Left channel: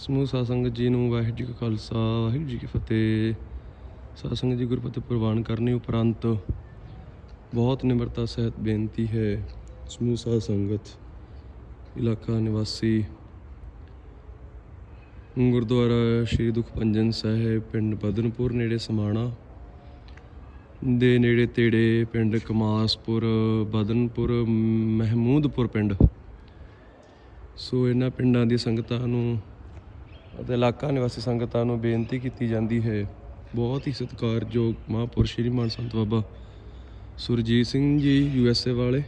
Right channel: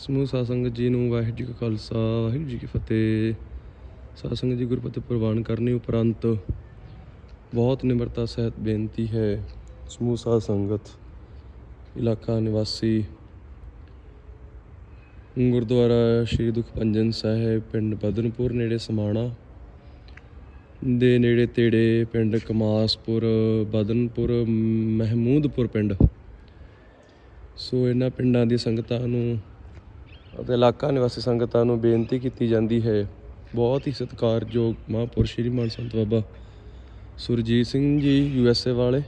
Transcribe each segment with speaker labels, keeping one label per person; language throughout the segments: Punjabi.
Speaker 1: ਸਮੂਹ ਸਾਧ ਸੰਗਤ ਜੀ ਨੂੰ ਵਾਹਿਗੁਰੂ ਜੀ ਕਾ ਖਾਲਸਾ, ਵਾਹਿਗੁਰੂ ਜੀ ਕੀ ਫਤਿਹ। ਸਾਧ ਸੰਗਤ ਜੀ ਗੁਰਪਤਿ ਪ੍ਰਵਾਨ ਕਰਨੇ ਉਪਰੰਤ ਬਹੁਤ ਨਿਮਰਤਾ ਸਹਿਤ ਬੇਨਤੀ ਹੈ ਸਮੂਹ ਸਾਧ ਸੰਗਤ, ਇਲਾਕਾ ਨਿਵਾਸੀ ਗੁਰਦੁਆਰਾ ਸ਼੍ਰੀ ਦੁਖਪੰਜਨ ਸਾਹਿਬ, ਪਿੰਡ ਬਦਨਪੁਰ, ਨੇੜੇ ਸਮਾਣਾ ਦੇ ਨੇੜੇ ਤੇੜੇ ਪਿੰਡ ਕਮਾਸਪੁਰ, ਬਦਨਪੁਰ, ਮਹਿਮੂਦਪੁਰ ਪਿੰਡ। ਸੋ ਇਹਨਾਂ ਪਿੰਡਾਂ ਦੀ ਸੰਗਤਾਂ ਨੂੰ ਅਤੇ ਇਲਾਕਾ ਨਿਵਾਸੀ ਸੰਗਤਾਂ ਨੂੰ ਬੇਨਤੀ ਕੀਤੀ ਜਾਂਦੀ ਹੈ। ਬਹੁਤ ਹੀ ਸਤਿਕਾਰਯੋਗ ਮਹਾਂਪੁਰਸ਼ ਸ਼੍ਰੀਮਾਨ ਸੰਤ ਬਾਬਾ Surjit Singh ji U S A ਵਾਲੇ,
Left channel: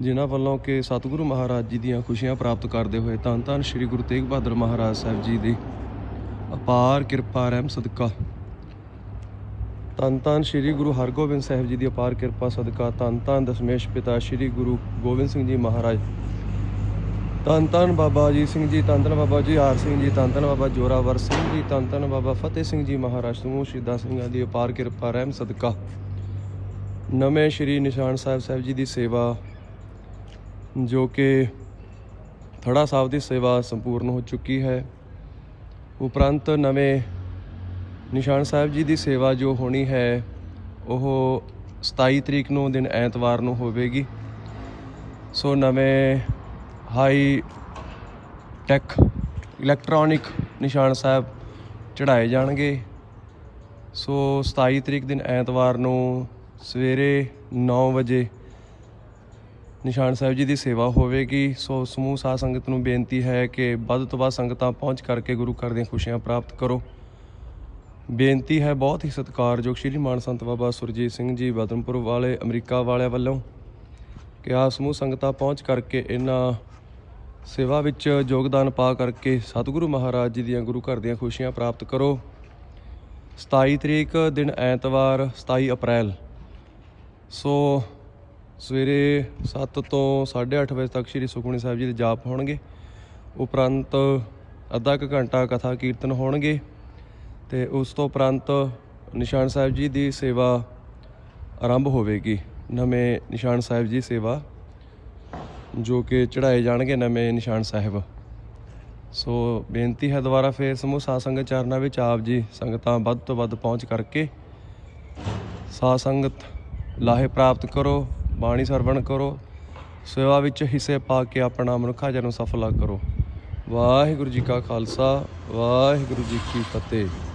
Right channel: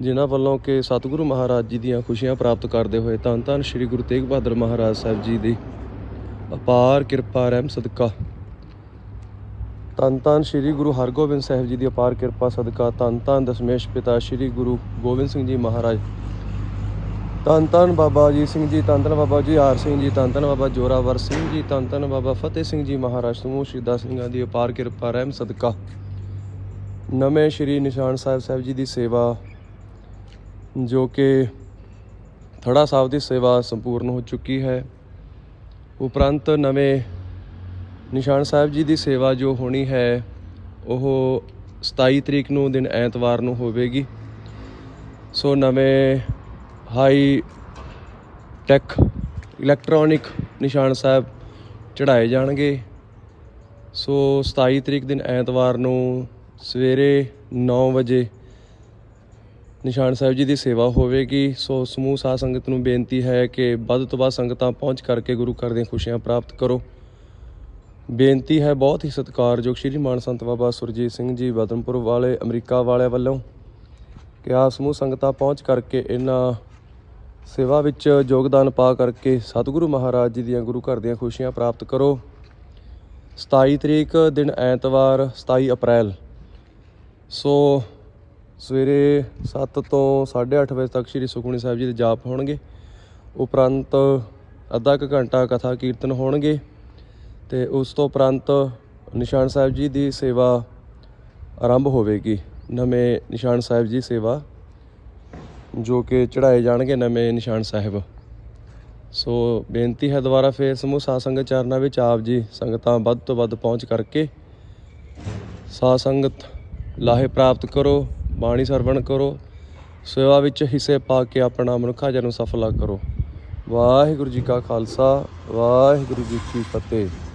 Speaker 1: ਜਿਨ੍ਹਾਂ ਵੱਲੋਂ ਕਿ ਸਤਿਗੁਰੂ ਮਹਾਰਾਜ ਜੀ ਦੀਆਂ ਖੁਸ਼ੀਆਂ ਪ੍ਰਾਪਤ ਕਰਦੇ ਹੋਏ ਧੰਨ ਧੰਨ ਸ੍ਰੀ ਗੁਰੂ ਤੇਗ ਬਹਾਦਰ ਮਹਾਰਾਜ ਸਾਹਿਬ ਜੀ ਦੀ ਅਪਾਰ ਕਿਰਪਾ, ਰਹਿਮ ਸਦਕਾ। ਧੰਨ ਧੰਨ ਸ੍ਰੀ ਗੁਰੂ ਹਰਗੋਬਿੰਦ ਸਾਹਿਬ ਜੀ ਦੀ ਅਪਾਰ ਕਿਰਪਾ, ਸਦਕਾ। ਧੰਨ ਧੰਨ ਦਸ਼ਮੇਸ਼ ਪਿਤਾ ਸ੍ਰੀ ਗੁਰੂ ਗੋਬਿੰਦ ਸਿੰਘ ਜੀ ਮਹਾਰਾਜ। ਧੰਨ ਧੰਨ ਬਾਬਾ ਅਜੀਤ ਸਿੰਘ ਜੀ ਧੰਨ ਧੰਨ ਬਾਬਾ ਜੀ ਆਰ ਸਿੰਘ ਜੀ ਧੰਨ ਧੰਨ ਬਾਬਾ ਜੋਰਾਵਰ ਸਿੰਘ ਜੀ ਧੰਨ ਧੰਨ ਬਾਬਾ ਫਤਿਹ ਸਿੰਘ ਜੀ ਮਹਾਰਾਜ ਸਮੂਹ ਸ਼ਹੀਦਾਂ ਸਿੰਘਾਂ ਦੀ ਅਪਾਰ ਕਿਰਪਾ, ਰਹਿਮ ਸਦਕਾ। ਨਵੇਂ ਸ਼੍ਰੀ ਨਿਸ਼ਾਨ ਸਾਹਿਬ ਸਾਹਿਬ ਜੀ ਦੀ ਸੇਵਾ, ਜੋ ਕਿ ਥੜਾ ਸਾਹਿਬ ਦੀ ਸੇਵਾ ਸੰਪੂਰਨ ਹੋ ਚੁੱਕੀ ਹੈ। ਉਪਰੰਤ ਨਵੇਂ ਨਿਸ਼ਾਨ ਸਾਹਿਬ ਜੀ ਦੀ ਸੇਵਾ ਜੋ ਹੋਣੀ ਹੈ, ਉਹ 27 ਤਰੀਕ ਨੂੰ ਦਿਨ ਐਤਵਾਰ ਨੂੰ ਹੋਵੇਗੀ। ਸੋ ਨਵੇਂ high tech electronic Nishan Sahib ਚੜਾਏ ਜਾਣਗੇ। ਸੋ 27 ਤਰੀਕ ਦਿਨ ਐਤਵਾਰ ਨੂੰ ਸਵੇਰੇ 9 ਵਜੇ ਨਿਸ਼ਾਨ ਸਾਹਿਬ ਜੀ ਦੀ ਸੇਵਾ ਹੋਵੇਗੀ। ਸੋ ਸਮੂਹ ਸਾਧ ਸੰਗਤ ਨੂੰ ਬੇਨਤੀ ਹੈ ਕਿ ਵੱਧ ਤੋਂ ਵੱਧ ਸੰਗਤਾਂ ਪਹੁੰਚ ਕਰਕੇ ਗੁਰੂ ਘਰ ਦੀਆਂ ਖੁਸ਼ੀਆਂ ਪ੍ਰਾਪਤ ਕਰੋ। ਬੇਨਤੀ ਹੈ ਬਹੁਤ ਹੀ ਸਤਿਕਾਰਯੋਗ ਸ਼੍ਰੀ ਮਾਨ ਸੰਤ ਬਾਬਾ ਸੁਰਜੀਤ ਸਿੰਘ ਜੀ ਬਦਨਪੁਰ ਵਾਲੇ, ਅਮਰੀਕਾ ਵਾਲਿਆਂ ਵੱਲੋਂ ਕਿ ਆ ਸਮੂਹ ਸੰਗਤਾਂ ਪਹੁੰਚ ਕਰਕੇ ਇਹਨਾਂ ਸੇਵਾ ਵਿੱਚ ਯੋਗਦਾਨ ਪਾ ਕਰਕੇ ਸਤਿਗੁਰੂ ਮਹਾਰਾਜ ਜੀ ਦੀਆਂ ਗੁਰੂ ਘਰ ਦੀਆਂ ਖੁਸ਼ੀਆਂ ਪ੍ਰਾਪਤ ਕਰੋ। 27 ਤਰੀਕ ਦਿਨ ਐਤਵਾਰ 27 ਅਪ੍ਰੈਲ। ਸੋ ਸਵੇਰੇ 7 ਤੋਂ 8:30 ਵਜੇ ਤੱਕ ਸ੍ਰੀ ਸੁਖਮਨੀ ਸਾਹਿਬ ਜੀ ਦੇ ਜਾਪ ਹੋਣਗੇ। ਉਪਰੰਤ ਅੱਧਾ ਕੁ ਘੰਟਾ ਕਥਾ ਕੀਰਤਨ ਹੋਣਗੇ ਤੇ ਉਸ ਤੋਂ ਉਪਰੰਤ ਨਿਸ਼ਾਨ ਸਾਹਿਬ ਜੀ ਦੀ ਸੇਵਾ ਆਰੰਭ ਹੋਵੇਗੀ। ਨਵੇਂ ਨਿਸ਼ਾਨ ਸਾਹਿਬ ਜੀ ਸੇਵਾ ਜੋ ਕਿ ਚੜਾਏ ਜਾਣਗੇ ਨਵੇਂ ਨਿਸ਼ਾਨ ਸਾਹਿਬ। ਸੋ ਬੇਨਤੀ ਹੈ ਦੁਬਾਰਾ ਫੇਰ ਸਮੂਹ ਸਾਧ ਸੰਗਤ ਚਰਨਾਂ ਵਿੱਚ ਆਪ ਜੀ ਸੰਗਤਾਂ ਵੱਧ ਤੋਂ ਵੱਧ ਪਹੁੰਚ ਕਰਕੇ ਸਾਧ ਸੰਗਤ ਲਾਹੇ ਪ੍ਰਾਪਤ ਕਰੋ, ਬਾਣੀ ਸਰਵਣ ਕਰੋ, ਸੇਵਾ ਵਿੱਚ ਹਿੱਸੇ ਪਾ ਕੇ ਆਪਣਾ ਮਨੁੱਖਾ ਜਨਮ ਸਫਲਾ ਕਰੋ। ਵਾਹਿਗੁਰੂ ਜੀ ਕਾ ਖਾਲਸਾ, ਵਾਹਿਗੁਰੂ ਜੀ ਕੀ ਫਤਿਹ।